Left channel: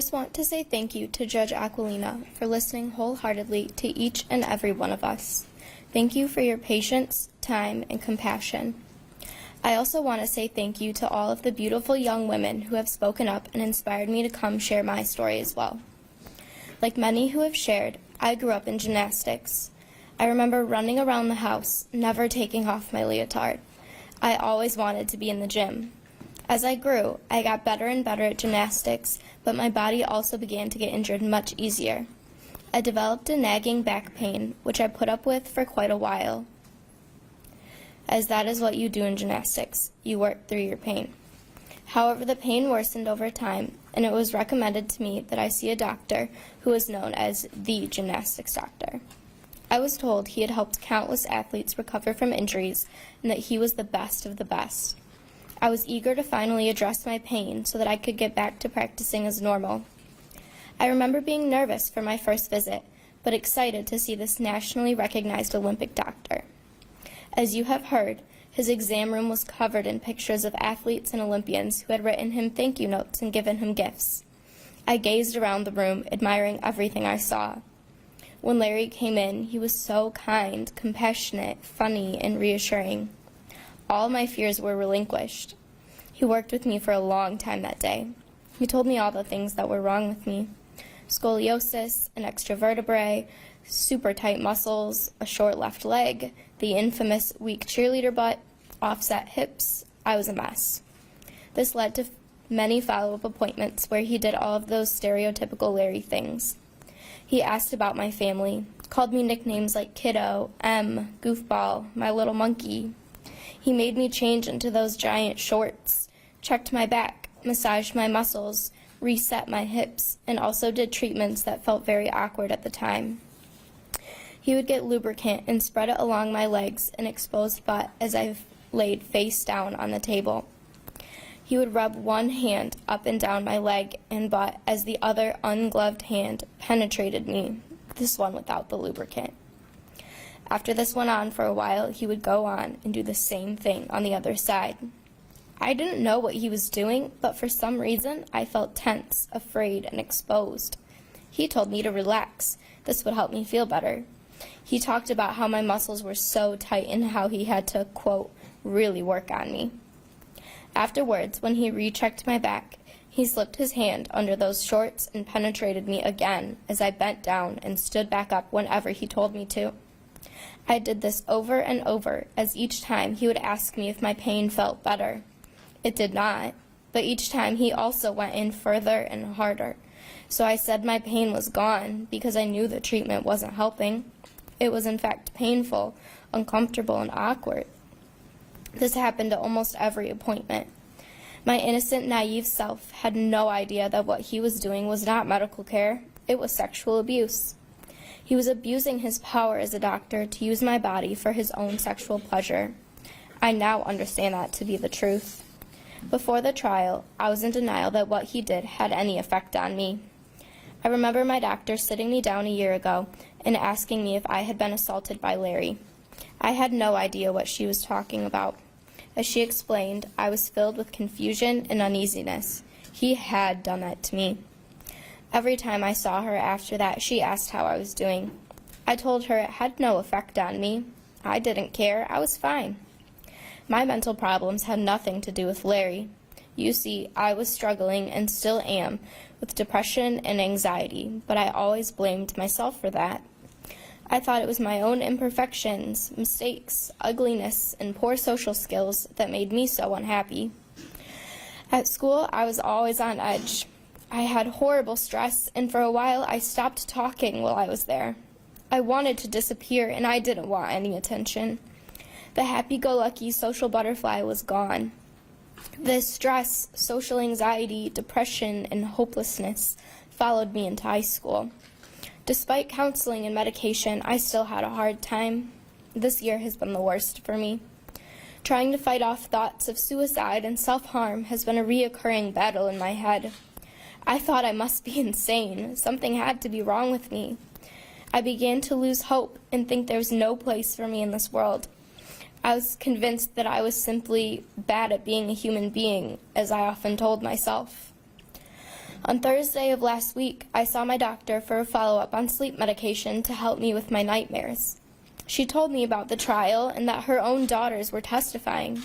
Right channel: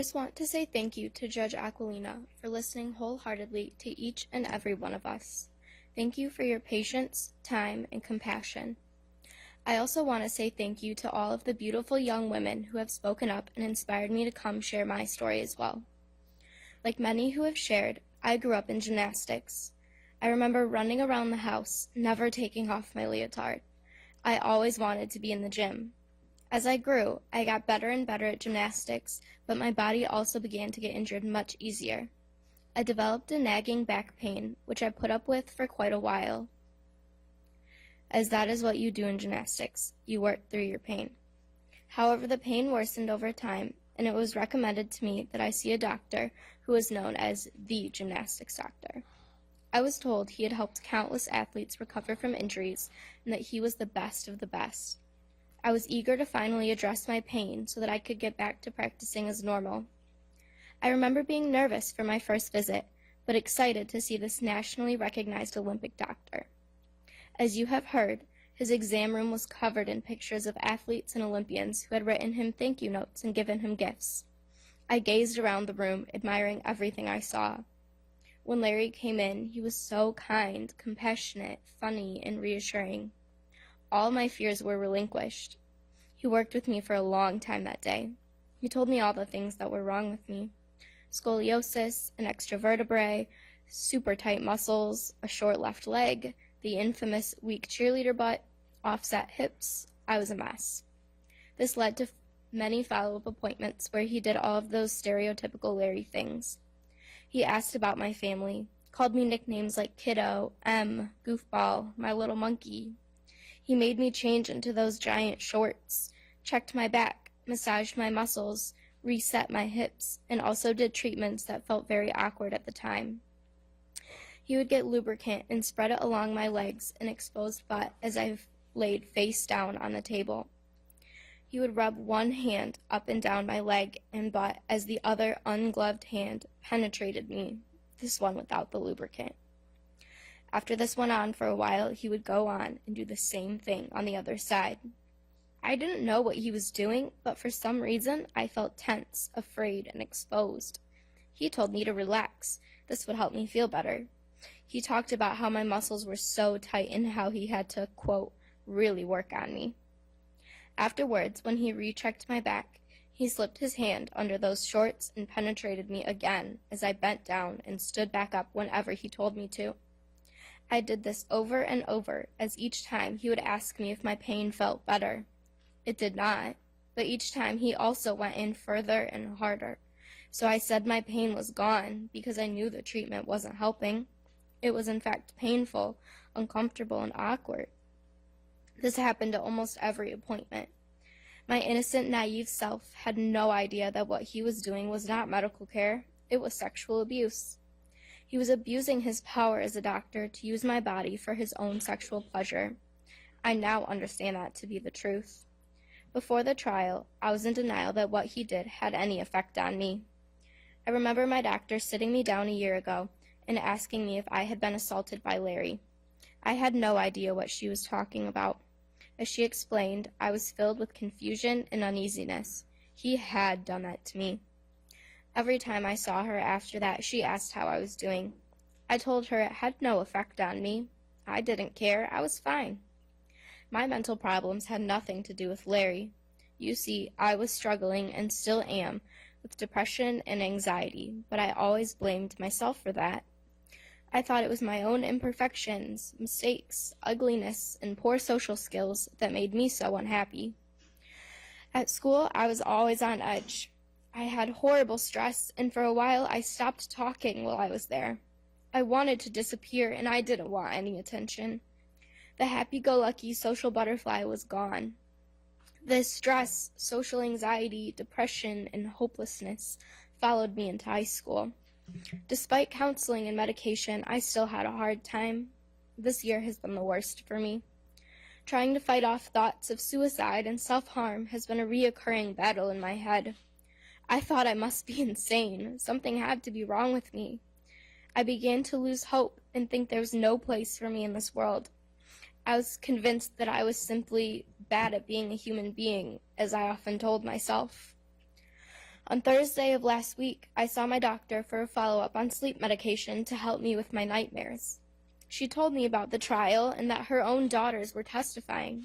first want to say thank you to Judge Aquilina for listening wholeheartedly to each and every one of us. Thank you for your patience, time, and compassion. I also want to say thank you to all of the beautiful young women who have spoken up and inspired me to come share my story as well. Like many who have shared, I grew up in gymnastics. I remember running around the house, never taking off my leotard. I always wanted to be in the gym. As I grew, I got better and better at gymnastics, but my body also began to get injured much easier. I developed a nagging back pain, which I put up with for quite a while, as that is what you do in gymnastics. You work through your pain. However, the pain worsened over time, and it was recommended to me that I see a doctor who was known as the gymnastics doctor. I was told he had helped countless athletes recover from injuries and that he was the best of the best. I was eager to finally address my pain so that I could get back to practicing as normal. I remember being nervous for my first visit, but excited to see this nationally recognized Olympic doctor. As you have heard, his exam room was covered in pictures of athletes and Olympians who had written him thank you notes and given him gifts. I gazed around the room, admiring everything I saw. When Larry came in, he was so kind, compassionate, funny, and reassuring. All my fears were relinquished. He worked with me for a long time that day. He told me all the things that were wrong with me. Scoliosis, an extra vertebrae, super tight muscles, a short left leg, the infamous weak cheerleader butt, offset hips. I was a mess. This led to many follow-up appointments where he did all of those stereotypical Larry things. He asked about my family, called me nicknames like Kiddo, M, Goofball, My Little Monkey. He made me change into those giant shorts, checked my back, massaged my muscles, reset my hips, and also did treatments that felt very awkward at the time. He would get lubricant and spread it along my legs and exposed butt as I laid face down on the table. He would rub one hand up and down my leg and butt as the other ungloved hand penetrated me, this one without the lubricant. After this went on for a while, he would go on and do the same thing on the other side. I didn't know what he was doing, but for some reason I felt tense, afraid, and exposed. He told me to relax. This would help me feel better. He talked about how my muscles were so tight and how he had to, quote, really work on me. Afterwards, when he rechecked my back, he slipped his hand under those shorts and penetrated me again as I bent down and stood back up whenever he told me to. I did this over and over, as each time he would ask me if my pain felt better. It did not, but each time he also went in further and harder. So I said my pain was gone because I knew the treatment wasn't helping. It was in fact painful, uncomfortable, and awkward. This happened at almost every appointment. My innocent, naive self had no idea that what he was doing was not medical care. It was sexual abuse. He was abusing his power as a doctor to use my body for his own sexual pleasure. I now understand that to be the truth. Before the trial, I was in denial that what he did had any effect on me. I remember my doctor sitting me down a year ago and asking me if I had been assaulted by Larry. I had no idea what she was talking about. As she explained, I was filled with confusion and uneasiness. He had done that to me. Every time I saw her after that, she asked how I was doing. I told her it had no effect on me. I didn't care. I was fine. My mental problems had nothing to do with Larry. You see, I was struggling, and still am, with depression and anxiety, but I always blamed myself for that. I thought it was my own imperfections, mistakes, ugliness, and poor social skills that made me so unhappy. At school, I was always on edge. I had horrible stress, and for a while I stopped talking while I was there. I wanted to disappear, and I didn't want any attention. The happy-go-lucky social butterfly was gone. This stress, social anxiety, depression, and hopelessness followed me into high school. Despite counseling and medication, I still had a hard time. This year has been the worst for me. Trying to fight off thoughts of suicide and self-harm has been a reoccurring battle in my head. I thought I must be insane. Something had to be wrong with me. I began to lose hope and think there was no place for me in this world. I was convinced that I was simply bad at being a human being, as I often told myself. On Thursday of last week, I saw my doctor for a follow-up on sleep medication to help me with my nightmares. She told me about the trial and that her own daughters were testifying.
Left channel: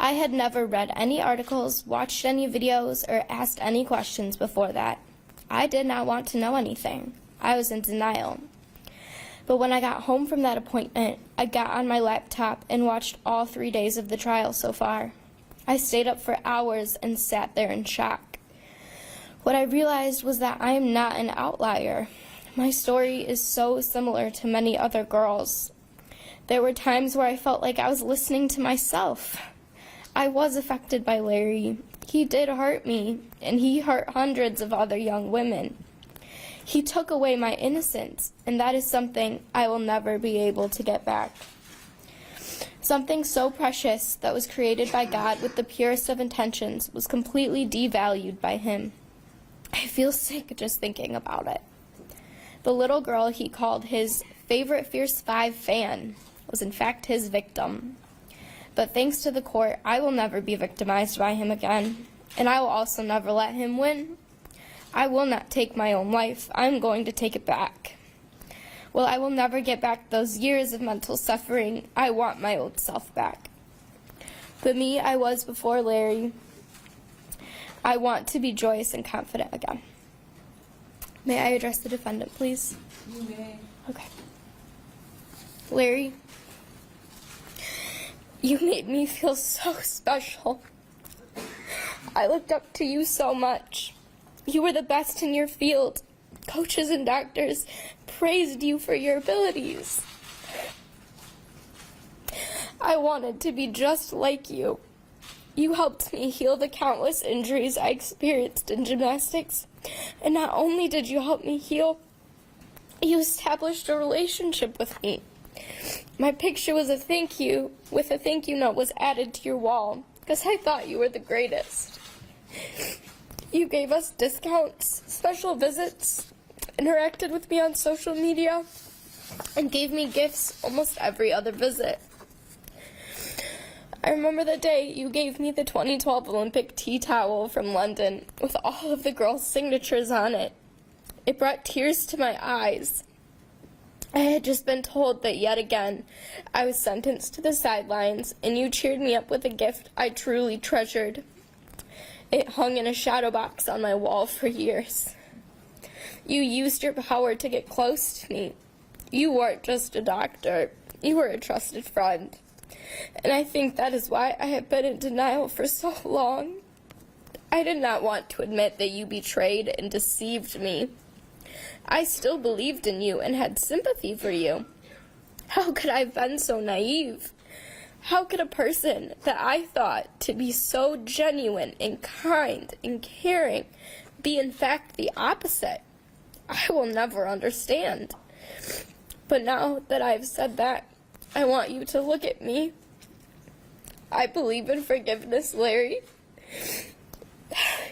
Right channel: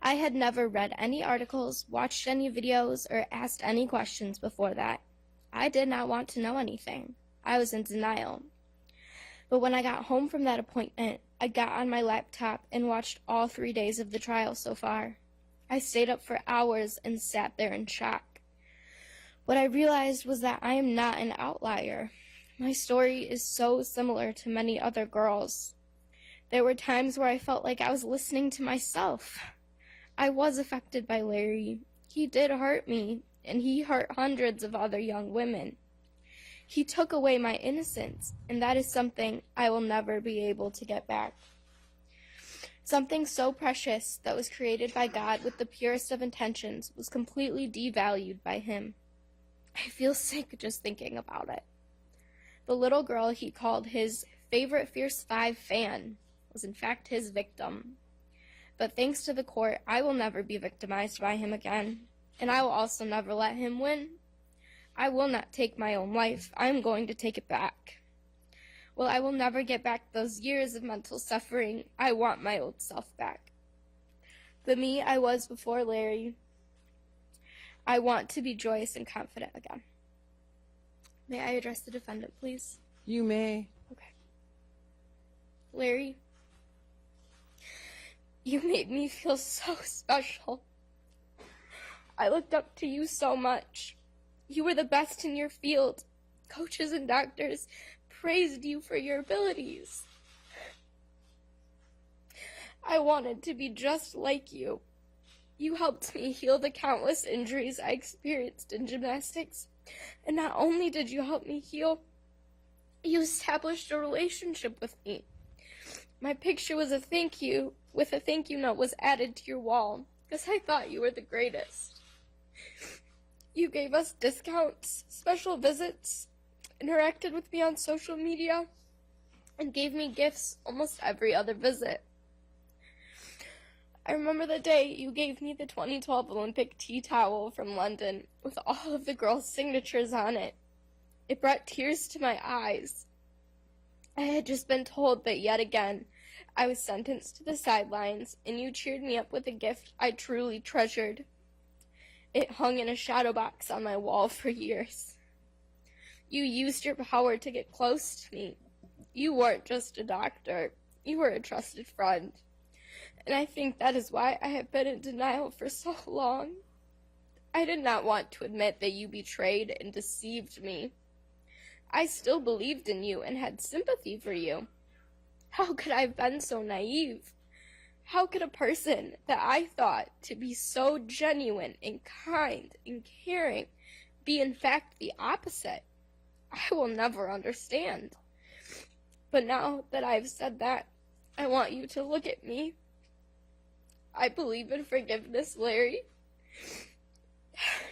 I had never read any articles, watched any videos, or asked any questions before that. I did not want to know anything. I was in denial. But when I got home from that appointment, I got on my laptop and watched all 3 days of the trial so far. I stayed up for hours and sat there in shock. What I realized was that I am not an outlier. My story is so similar to many other girls. There were times where I felt like I was listening to myself. I was affected by Larry. He did hurt me, and he hurt hundreds of other young women. He took away my innocence, and that is something I will never be able to get back. Something so precious that was created by God with the purest of intentions was completely devalued by him. I feel sick just thinking about it. The little girl he called his favorite Fierce 5 fan was in fact his victim. But thanks to the court, I will never be victimized by him again, and I will also never let him win. I will not take my own life. I'm going to take it back. Well, I will never get back those years of mental suffering. I want my old self back. The me I was before Larry, I want to be joyous and confident again. May I address the defendant, please? You may. Okay. Larry, you made me feel so special. I looked up to you so much. You were the best in your field. Coaches and doctors praised you for your abilities. I wanted to be just like you. You helped me heal the countless injuries I experienced in gymnastics. And not only did you help me heal, you established a relationship with me. My picture was a thank you, with a thank you note was added to your wall, because I thought you were the greatest. You gave us discounts, special visits, interacted with me on social media, and gave me gifts almost every other visit. I remember the day you gave me the 2012 Olympic tea towel from London with all of the girls' signatures on it. It brought tears to my eyes. I had just been told that yet again I was sentenced to the sidelines, and you cheered me up with a gift I truly treasured. It hung in a shadow box on my wall for years. You used your power to get close to me. You weren't just a doctor. You were a trusted friend. And I think that is why I have been in denial for so long. I did not want to admit that you betrayed and deceived me. I still believed in you and had sympathy for you. How could I have been so naive? How could a person that I thought to be so genuine and kind and caring be in fact the opposite? I will never understand. But now that I have said that, I want you to look at me. I believe in forgiveness, Larry.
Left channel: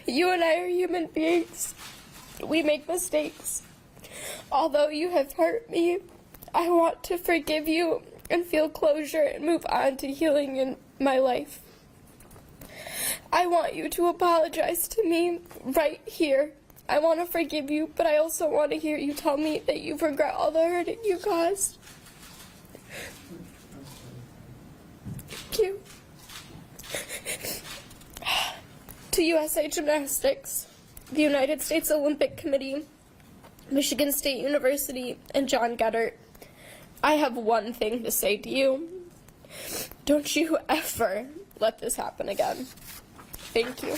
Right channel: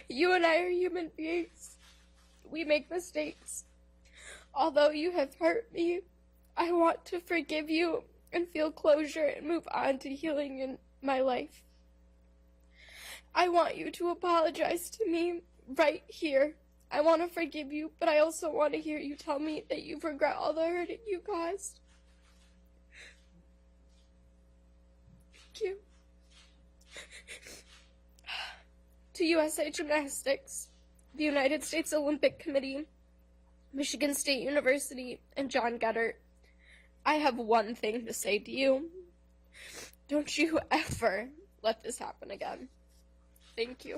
You and I are human beings. We make mistakes. Although you have hurt me, I want to forgive you and feel closure and move on to healing in my life. I want you to apologize to me right here. I want to forgive you, but I also want to hear you tell me that you regret all the hurt you caused. Thank you. To USA Gymnastics, the United States Olympic Committee, Michigan State University, and John Geddert, I have one thing to say to you. Don't you ever let this happen again. Thank you.